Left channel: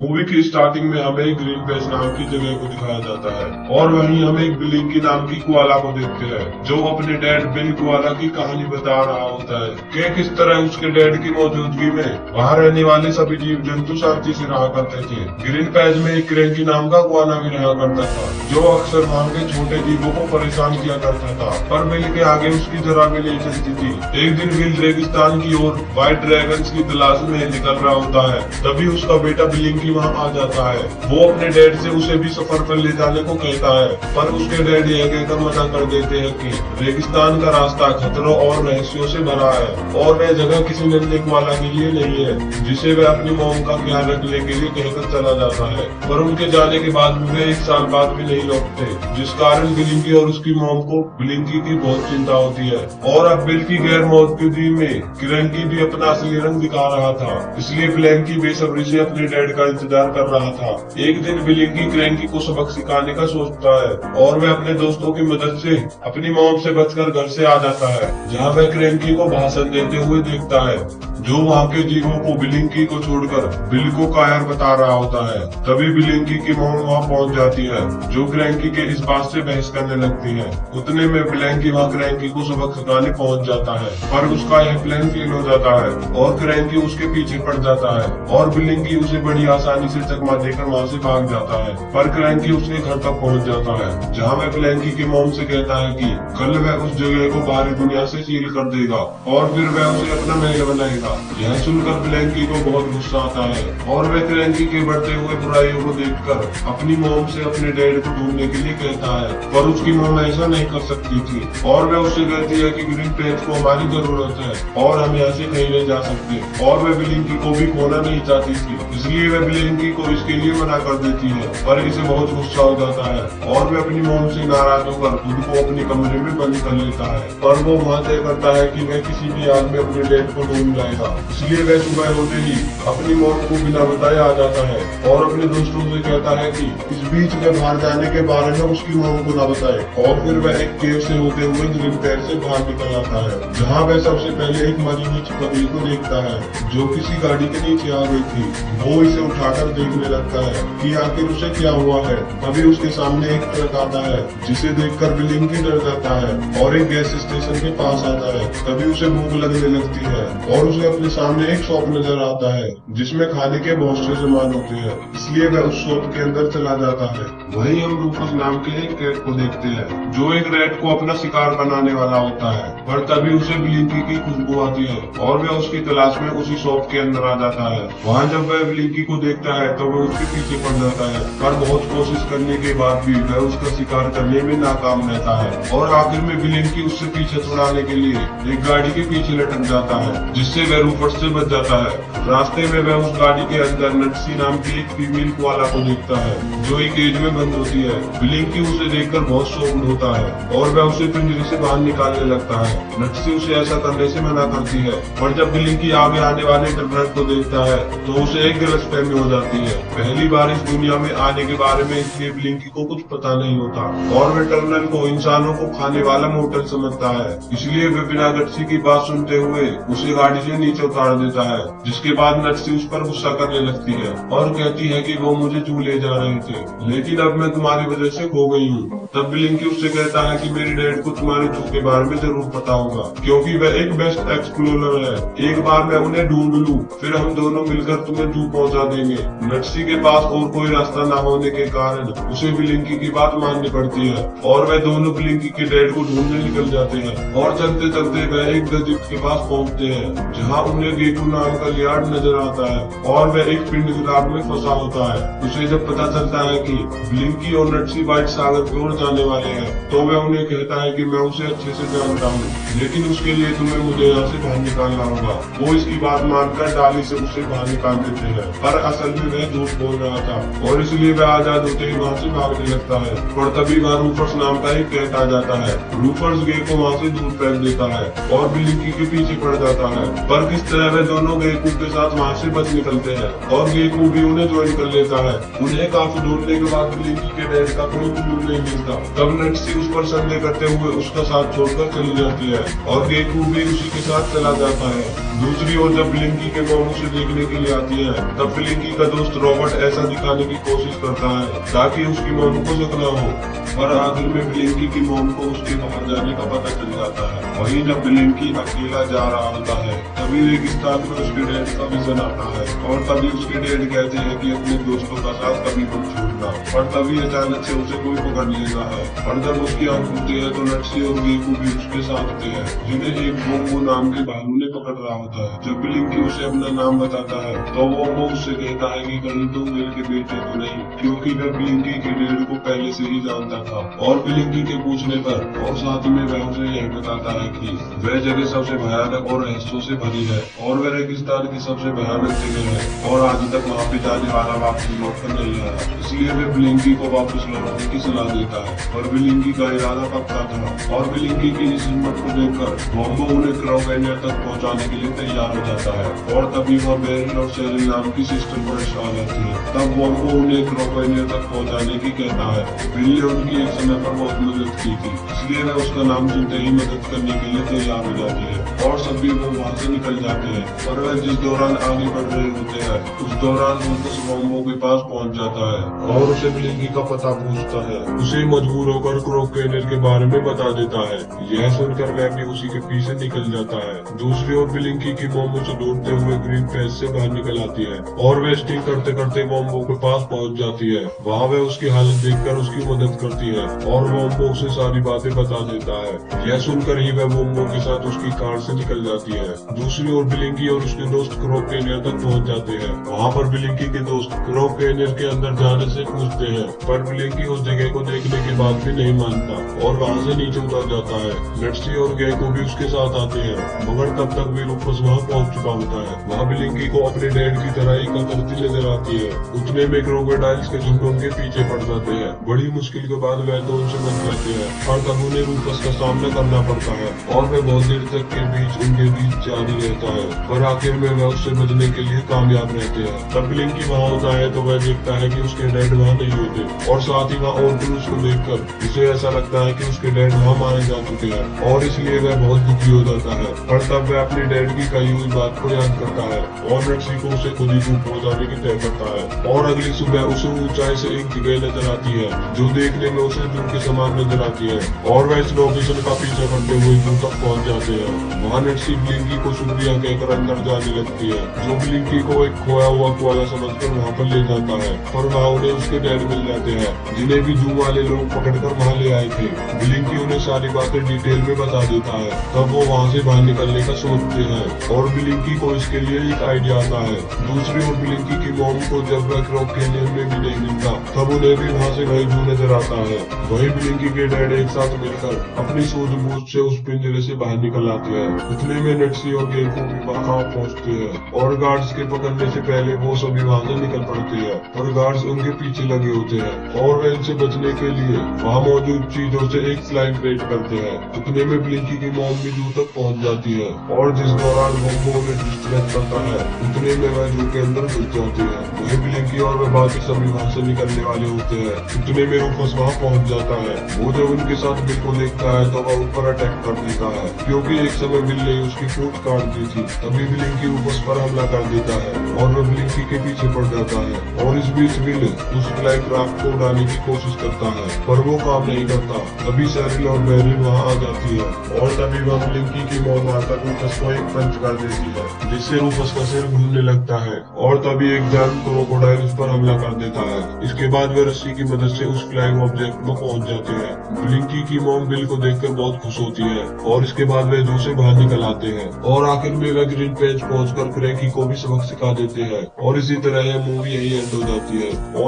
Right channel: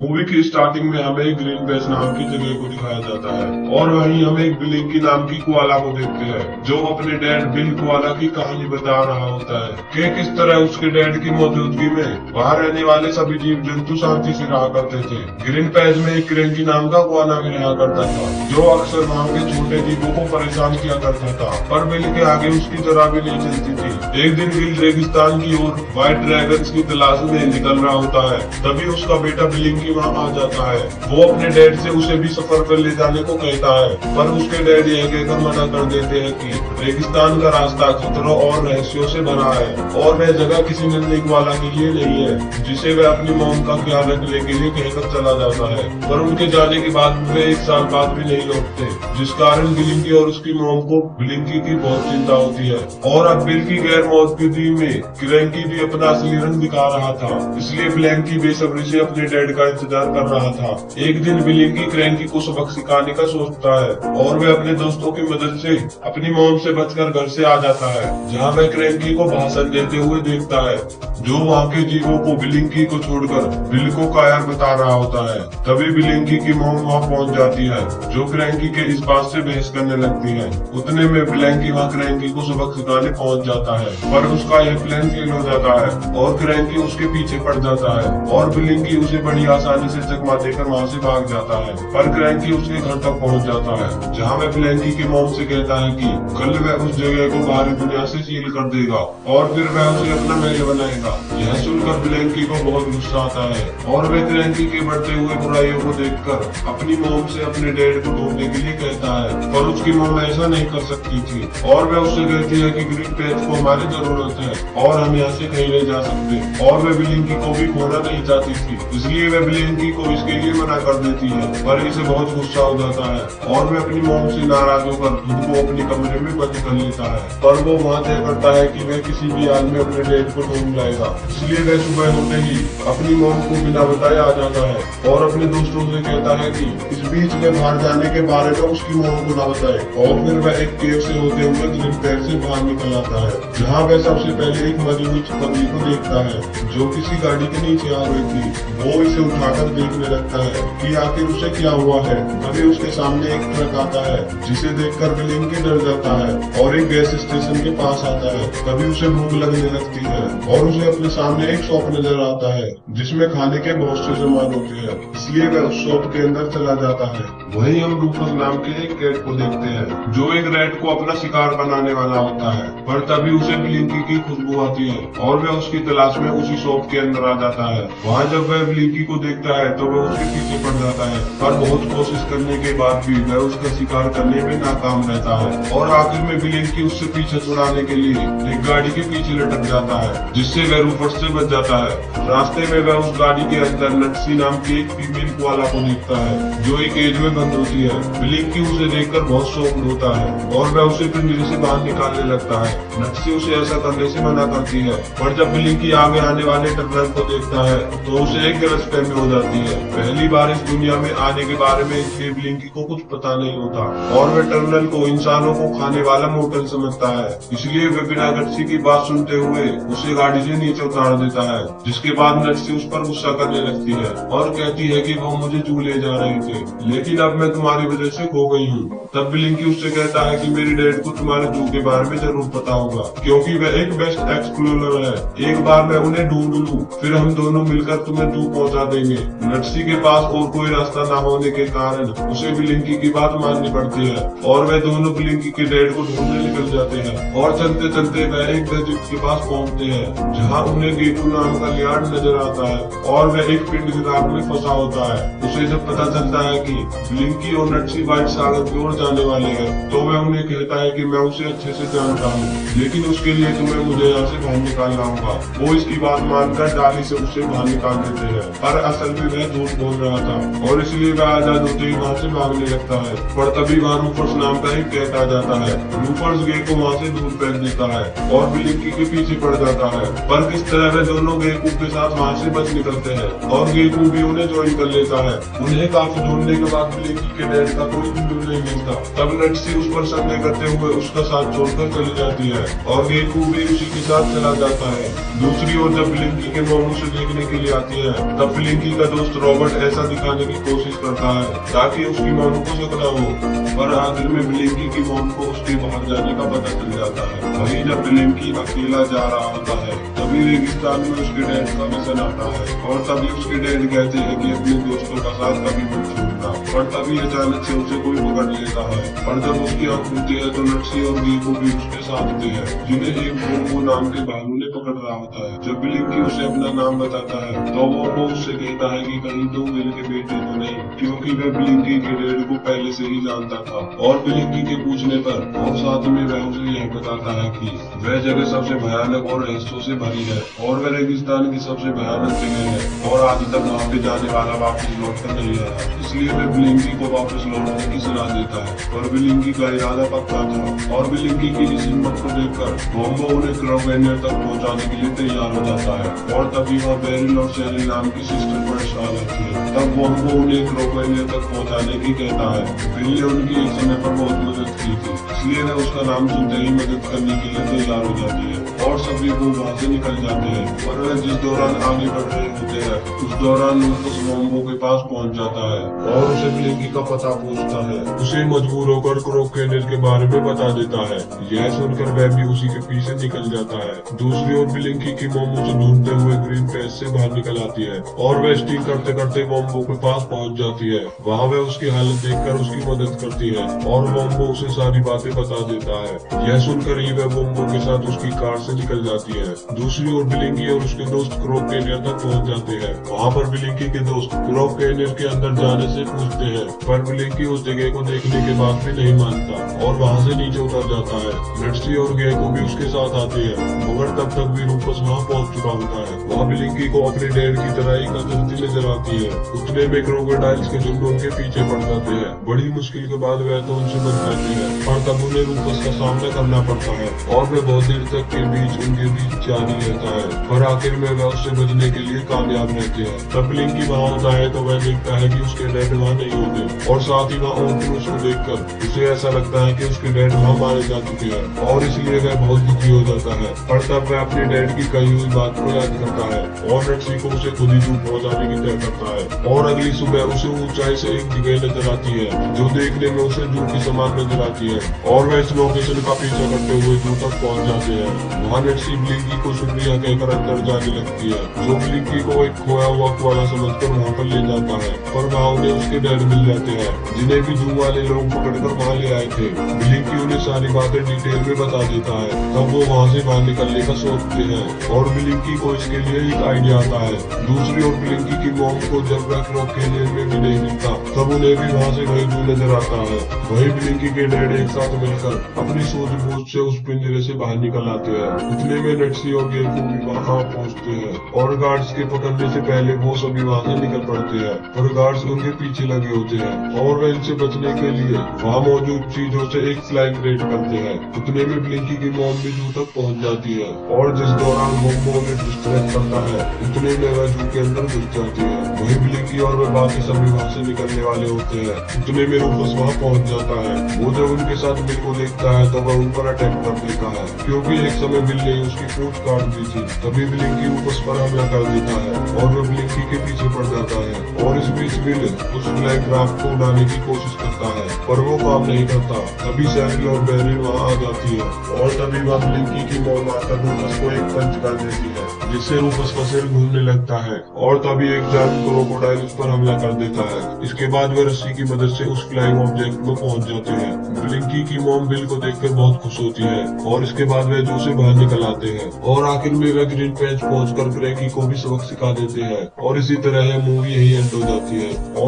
Movie की starting में हमें एक ग्रीन पेस नाम की जगह को दिखाया जाता है और वहीं हम एक बिलिंकी नाम की कोआला को देखते हैं जो अपने डैड बिल कोआला की कहानी बता रहा होता है कि किस तरह उसके डैड की मौजूदगी में वहां रहने वाले सभी जीव जंतु शांति से रहा करते थे। ग्रीन पेस में एक क्रेंकी नाम का कोआला भी रहा करता था जो अक्सर वहां के छोटे जीवों को परेशान किया करता था, पर बिल के आगे उसकी जरा भी नहीं चलती थी। एक दिन बिल रेगिस्तान की ओर व्हाइट ड्रैगन्स की तलाश में निकल रहा होता है, तभी उसका बेटा बिलिंकी वहाँ आ जाता है। वो अपने डैड से उसे भी सफर पर ले जाने को कहता है, पर उसके डैड यह कहकर मना कर देते हैं कि रेगिस्तान का रास्ता खतरों और रहस्यों से भरा है और वह जगह किसी नजदीक वाला के लिए नहीं है जिसे वह अपनी मौत का ख्याल रखने के लिए कहकर चला जाता है। पर उनके जाने के बाद वे एक साल बाद भी नहीं लौटते, जिस कारण बिलिंकी और उसकी मॉम को बिलिंकी की बहुत चिंता होती है। और अब बिल की गैर मौजूदगी में क्रेंकी भी अपना असली रंग दिखा रहा था, इसलिए ब्लैंकी बेसब्री से अपने डैड का इंतजार कर रहा था। एक दिन बिलिंकी क्रेंकी को सबक सिखाने का सोचता है और वह अपने दोस्तों की मदद से अपनी मॉम से बचकर घर से आ जाता है, जहाँ वह क्रेंकी को भाषण देते हुए देखता है जो वहाँ के जीवों को बिलिंकी को छोड़कर बिल को कायर बता रहा होता है। तभी बिलिंकी की मॉम वहाँ पहुँच जाती है जो क्रेंकी के इस बात से बहस करने लगती है। उतने में ब्लैंकी वहाँ क्रेंकी को सबक सिखाने पहुँच जाता है, पर उसका यह प्लान फेल हो जाता है और क्रेंकी उसके पीछे पड़ जाता है और बिलिंकी उसे बड़ी आसानी से चकमा देकर वहाँ से भाग जाता है। पर क्रेंकी उसके घर तक पहुँच जाता है जहाँ वह ब्लैंकी के मॉम से कहता है कि कल वह उस जगह को बाहरी दुनिया से सील कर देगा और फिर वह उसे अपना महल बनाएगा। यह सुनकर ब्लैंकी को बहुत गुस्सा आता है और वह क्रेंकी के बढ़ते हुए बुराइयों को देखकर अपनी मॉम से अपने डैड को ढूंढने के लिए कहता है, पर उसकी मॉम ऐसा नहीं कर सकती थी और वह उससे कहती है कि ग्रीन पेज को हमारी जरूरत है और हम यहाँ से कहीं नहीं जा सकते। और वह बिलिंकी को भी खोना नहीं चाहती थी, इसलिए वह बिलिंकी को इसके लिए मना कर देती है, पर इसे बहुत गुस्सा हो जाता है और वह अपनी मॉम से नाराज होकर खुद को अपने कमरे में बंद कर लेता है। पर वो वहाँ तय करता है कि वह किसी भी आग में अपने डैड को ढूंढ जाएगा, इसलिए वह सुबह होते ही अपनी मॉम को बिना बताए आ जाता है और अपने दोस्तों से कहता है कि इस बीच में बाहर जाने के बारे में उसकी मॉम को न बताए। और फिर वह एक केव से होते हुए ग्रीन पैर से बाहर निकल आता है, जहाँ वह सबसे पहले एक मरी हुई छतरी को देखता है जो किसी गाड़ी के नीचे आ गई थी। वो इसे उठाकर देखने लगता है कि आखिर उसे क्या हुआ है। तभी उसके सामने एक ट्रक आता है जिसे देखकर बिलिंकी डर जाता है और एक गैस स्टेशन के पास आता है। तभी उसे भूख लगने लगती है और उसे अपने सामने एक शॉप नजर आता है जिसमें खाने के बहुत से सामान होते हैं, इसलिए वह उस शॉप के अंदर चला जाता है। वहीं हम रूफस नाम के एक कैट को देखते हैं जो एक रैट को अपना शिकार बनाने वाला होता है, पर तभी उसे बिलिंकी की खुशबू आती है और वह उसकी तलाश में उसी शॉप के अंदर आ जाता है। वहाँ जब वह बिलिंकी को देखता है तो वह उसके पीछे पड़ जाता है, पर बहुत कोशिश करने के बाद भी वह उसका शिकार करने में नाकाम रहता है और आखिर में बिलिंकी उससे पीछे छुड़ाने के लिए एक गाड़ी के पीछे लटक जाता है, जिससे वह रूफस से बच जाता है। रास्ते में वह उस गाड़ी के अंदर नक्सी नाम की एक फीमेल कोआला को देखता है जो एक केज में बंद होती है। बिलिंकी उसे देखकर बहुत शौक होता है और वह उसे पिंजरे से बाहर निकालने लगता है। नक्सी उसे ऐसा करने से मना करती है, और जब बिलिंकी आगे आने वाले टर्नल को देखता है तो उसे एक गलतफहमी हो जाती है। पहली बार इस दुनिया में आने के बारे में इसलिए बिलिंकी को कुछ पता नहीं होता और वह टर्नल को इंसानों को खाने वाला मोटल समझता है, इसलिए वह बिना नक्सी की बात सुनते हुए उसे गाड़ी से नीचे उतार देता है। जिसके बाद नक्सी उस पर गुस्सा करने लगती है और कहती है कि वो मुझे जू ले जा रहे थे, लेकिन अब मैं तुम्हारी वजह से खो गई हूँ। तब बिलिंकी उससे कहता है कि मेरे डैड को तुम्हारे जू के बारे में जरूर पता होगा, क्योंकि वह एक बेस्ट एक्सप्लोरर है। एक बार मैं उन्हें ढूंढ लूं, फिर हम दोनों मिलकर तुम्हें जू पहुंचा देंगे। नक्सी के पास और कोई रास्ता न होने के कारण उसे बिलिंकी की बात माननी पड़ती है और वह दोनों बिलिंकी के डैड को ढूंढने निकल जाते हैं। और चलते चलते वह एक दरिया के पास पहुंचते हैं जहाँ उन्हें गेटू नाम का लियार्ड नजर आता है और वह एक पिंड के काट में फंसा होता है। उसे जब पता चलता है कि बिलिंकी और नक्सी व्हाइट सागर की ओर जाने वाले हैं तो वह उन्हें कहता है कि मैं उसे अच्छे से जानता हूँ, लेकिन उसके लिए तुम्हें मुझे यहाँ से बाहर निकालना होगा। वो इसकी बात मानकर डाली से उसे बाहर निकाल देते हैं, पर असल में वह झूठ बोल रहा था और इसलिए वह आजाद होते ही वहाँ से भागने लगता है। और तभी वहाँ रूफर्स नाम का एक कैट आ जाता है। रूफर्स गे को वहाँ से दूर फेंक देता है और बिलिंकी के पीछे पड़ जाता है, पर किस तरह वे दोनों गेकू के साथ वहाँ से बच निकलते हैं और गेकू भी उन्हें ज्वाइन कर लेता है। उन्हें काफी ढूंढने के बाद बिलिंकी के डैड का कोई सुकून नहीं मिलता। तब नेटसी उस पर संदेह करते हुए उसका साथ छोड़कर चली जाती है और गेको भी उसी के साथ चला जाता है। दूसरी ओर जब ब्लिंकी के मॉम उसे देखने के लिए आती है तब ब्लिंकी का दोस्त रॉबर्ट ऐसा दिखाने की कोशिश करता है ताकि उसकी मॉम को शक न हो, पर आखिर में ब्लिंकी की मॉम को उसके बाहर जाने का पता चल जाता है। वहीं जब ब्लिंकी अकेला जा रहा होता है तभी रेगिस्तान में उसके डैड का विजन आता है और तभी उसके डैड कहते हैं कि अपने दोस्तों का साथ कभी मत छोड़ना, और तभी अचानक से उसे कोई पकड़ लेता है और जब उसकी आंख खुलती है तो नेटसी और गेको भी उसके साथ होते हैं जिन्हें एक वोम्बो नाम के भालू ने पकड़ रहा होता है। जब ब्लिंकी उसे अपना नाम बताता है तो वो उससे कहता है कि कहीं तू मेरे के बेटे तो नहीं, क्योंकि वह ब्लिंकी के डैड को पहले से ही जानता था। और ब्लिंकी के पूछने पर और साथ में वह उसे यह बताता है कि वह जगह सबसे भयानक और रहस्यों से भरी है और वह रेगिस्तान की सबसे भयानक जगह है और आज तक वहाँ पे जाने वाला वापस लौट कर नहीं आया, इसलिए वह ब्लिंकी को वापस लौटने की सलाह देता है। और ब्लिंकी का इरादा पक्का था और ब्लिंकी की इस हिम्मत को देखकर वोम्बो उन्हें क्रोवेनियर तक पहुंचाने के लिए तैयार हो जाता है और तभी वहाँ बेरिल और सेरिल नाम की सिस्टर पर आ जाती है। तब वोम्बो उन्हें क्रोवेनियर तक पहुंचाने की कहता है। बिल्ली उनकी एक समय पर बहुत मदद की थी, इसलिए वह उसका नाम सुनते ही मदद करने के लिए तैयार हो जाती है और सभी वो वहाँ से निकल जाते हैं। और वह जिस दौरान आगे बढ़ रहे होते हैं उस दौरान लूकस वोम्बो के पास पहुंच जाता है और उसे ब्लिंकी का पता पूछता है। उसे मजबूर होकर क्रोवेनियर के बारे में बता देता है। यह सुनकर वह भी उसी के पीछे निकल जाता है। दूसरी ओर ब्लिंकी की वोम्बो से ढूंढते हुए ग्रीन पेज से बाहर निकल आती है और वह स्टिक करते करते वोम्बो के पास पहुंच जाती है। वहाँ वह उसकी हालत देखकर उसकी मदद करती है और वोम्बो उसे सारी बातें बता देता है। यह सुनकर ही वह वोम्बो के साथ उसकी कार से निकल जाती है। दूसरी ओर ब्लिंकी और उसके दोस्त क्रोवेनियर तक पहुंच जाते हैं। वहाँ पर ब्लिंकी के दोस्त क्रोवेनियर के अंदर जाने से पूछते हैं, पर ब्लिंकी उस जगह को देखने के बाद भी नहीं मानता और वहाँ से नीचे उतर जाता है। नेटसी और गेको भी उसके साथ आती है, मगर तब तक भी लूकस वहाँ पहुंच चुका होता है। वहाँ ब्लिंकी को अपने डैड की तरह एक उतरती नजर आती है। उतने में क्रोकोडाइल्स के झुंड उनके पीछे पड़ जाते हैं। बड़ी मुश्किल के बाद वह तो उनसे बच जाती है, पर तब उन्हें लूकस का सामना करना पड़ता है और वह बहुत देर तक के बीच उनके बीच जारी रहता है, पर आखिर में वह उससे बचने के लिए कामयाब रहते हैं। तब ब्लिंकी वहाँ होता है तो वह देखता है कि उसके डैड वहाँ नहीं होते और साथ ही वहाँ और उसको देखकर उसे ऐसा लगता है कि उसके डैड वहाँ मारे जा चुके हैं और इसलिए वह बहुत दुखी हो जाता है। पर तब वह अपने डैड की कही हुई बात को याद करता है और नेटसी को उसे खुद ही जू पहुंचाने की तय करता है। और अगली सुबह उसे ऊंचाई से एक जगह नजर आती है जो देखने में उसे जू के समान नजर आती है और वह इस लोकेशन का पीछा करते हुए जू तक पहुंच जाते हैं। वहाँ नेटसी ब्लिंकी को शुक्रिया कहकर अंदर जाने लगती है, जो ब्लिंकी को एक खोया हुआ कोआला समझकर वहाँ पर ले जाता है। पर वहाँ उन्हें उसके डैड मिल जाते हैं जिन्हें भी जू वाले लोग पकड़कर वहाँ ले आए थे। ब्लिंकी उन्हें सारी बातें डिटेल में बता देता है। तब वो वहाँ से बाहर निकलने का सोचते हैं और ब्लिंकी को इसके लिए एक आइडिया आता है। दूसरी ओर ब्लिंकी की मॉम को जब वह क्रोवेनियर में भी नहीं मिलता तब उन्हें भी वहाँ से वही जू नजर आता है। वही ब्लिंकी के डैड एक साथ मिलकर अपनी सूझबूझ से उस पिंजरे से बाहर निकल आते हैं। इतने में नेटसी और गेको भी वहाँ पहुँचते हैं और गार्ड्स के पकड़ने से पहले वो सभी वहाँ से निकल पड़ते हैं और गार्ड्स उनके पीछे लगे होते हैं और वह इनसे बचने के लिए वहाँ मौजूद चीजों से एक स्लाइड क्रिएट करते हैं। उतने में ब्लिंकी की मॉम भी जू तक पहुँच जाती है और जिस दौरान वोम्बो उन्हें डिस्ट्रैक्ट करता है उतने में वह जू के अंदर घुस जाती है। वही ब्लिंकी और वह बाकी सभी वहाँ से निकलने वाले होते हैं। उतने में रूफस वहाँ पहुँच जाता है। वो जब उनके साथ बिल को देखता है तो वह उन पर अटैक कर देता है, क्योंकि एक समय बिल ने उसकी फूट काट दी थी। तभी ब्लिंकी रूफस पर हमला कर देता है और वह ब्लिंकी के पीछे पड़ जाता है और इस बीच बिल उस ब्लैक क्राफ्ट को उड़ाने की कोशिश करता है पर वो काम नहीं करता। तभी सेरिल और बेरिल वहाँ आ जाती है और तभी वह ब्लिंकी की मॉम आकर रूफस को एक पंच कर देती है जिससे रूफस का सिर घूमने लगता है और तभी एक जैंट क्रोकोडाइल उस पर हमला कर देता है। इसके बाद वे रस्सी की मदद से उस फ्लाइंग ऑब्जेक्ट को पहुंच जाते हैं। ब्लिंकी की मॉम बिल को देखकर बहुत खुश होती है और इसके बाद वे जू से बाहर निकल आते हैं और आखिर में वे ग्रीन पेज पहुंचकर ग्रेगी को भी सबक सिखा देते हैं और इसी तरह यह मूवी यही एंड हो जाती है। और